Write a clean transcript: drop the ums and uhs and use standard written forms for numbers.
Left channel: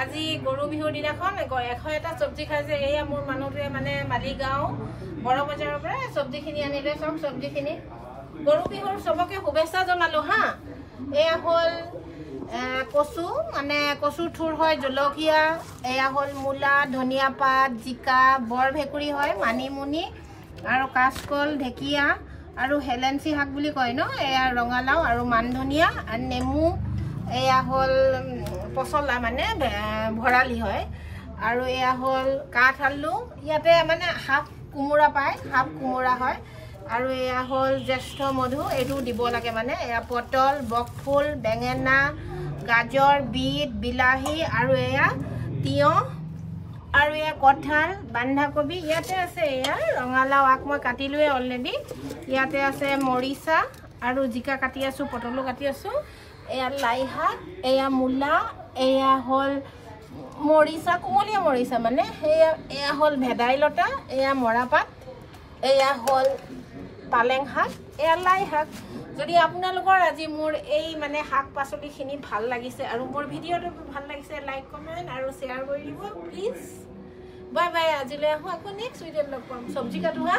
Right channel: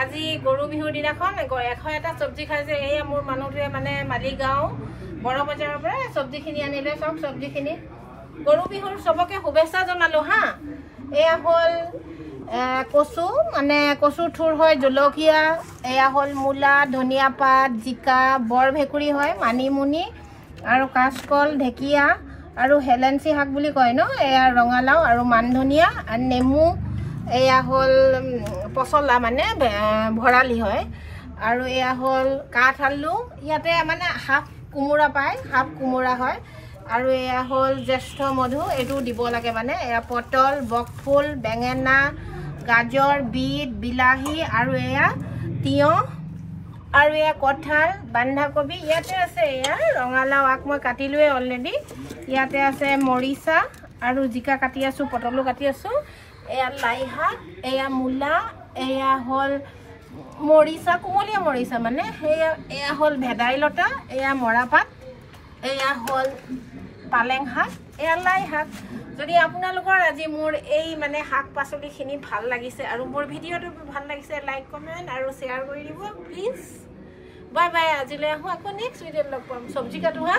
আজি গৰু বিহুৰ দিনাখন 100টা চব্জি খাইছে। এয়া মোৰ মানুহটোৱে মানে মালিগাঁও বড় বজাৰৰ পৰা চব্জিখিনি আনিলে। সব চব্জিখিনি গৰু বিহুৰ সবকে শুভেচ্ছা জনালো হা। এয়া হল কচু, মানে কচু থুৰ হয়, জলকীয়া, এয়া হল মূলা, ধনিয়া পাত, জিকা, বৰ ভেকুৰি হয়, মানিমুনি আৰু কাঁচকল, ঢেকীয়া আৰু হেলেঞ্চি শাক বুলি কয় ন, এয়া ৰঙালাও আৰু মান ধনিয়া আৰু নেমু, এয়া হল পচলা মানে ভৰালি হয়, আৰু এয়া হল কাঠ আলু, ইয়াতে মানে শাক কোমোৰা পায়, শাক কোমোৰা হয়, আৰু এয়া হল জ্যেষ্ঠ মধু, এইটো দিব লাগে মানে। এয়া পটল, বকফুল, বেঙেনা, গাজৰ, বিট, বিলাহী আৰু এয়া তিয়হ আৰু এয়া কঁঠাল, বন্ধাকবি, ইয়াতে আছে এয়া ৰঙালাও আগ মই কাটিলোৱে অলৰেডি, ইয়াতে আছে মৰিচা আৰু জিকা কাটি আছো, পটলো কাটি আছো, এয়া লাই শাক, এয়া মূলা, এয়া হল মৰিচা, কুমলীয়া মৰিচা মানে, এয়া হল ভেদাইলতা, এয়া মৰাপাত, এয়া হল পালেং শাক, এয়া লাই শাক। যদি আপোনালোকৰ আজি মোৰ এই মানে শাক পাচলিখিনি ভাল লাগিছে আৰু মোৰ ভিডিঅ'টো ভাল লাগিছে, লাইক কমেণ্ট আৰু শ্বেয়াৰ কৰি দিব প্লিজ। বাই বাই, আজিলৈ আহোঁ, আকৌ নেক্সট ভিডিঅ'ত লগ পাম। চব্জি কাটো হা।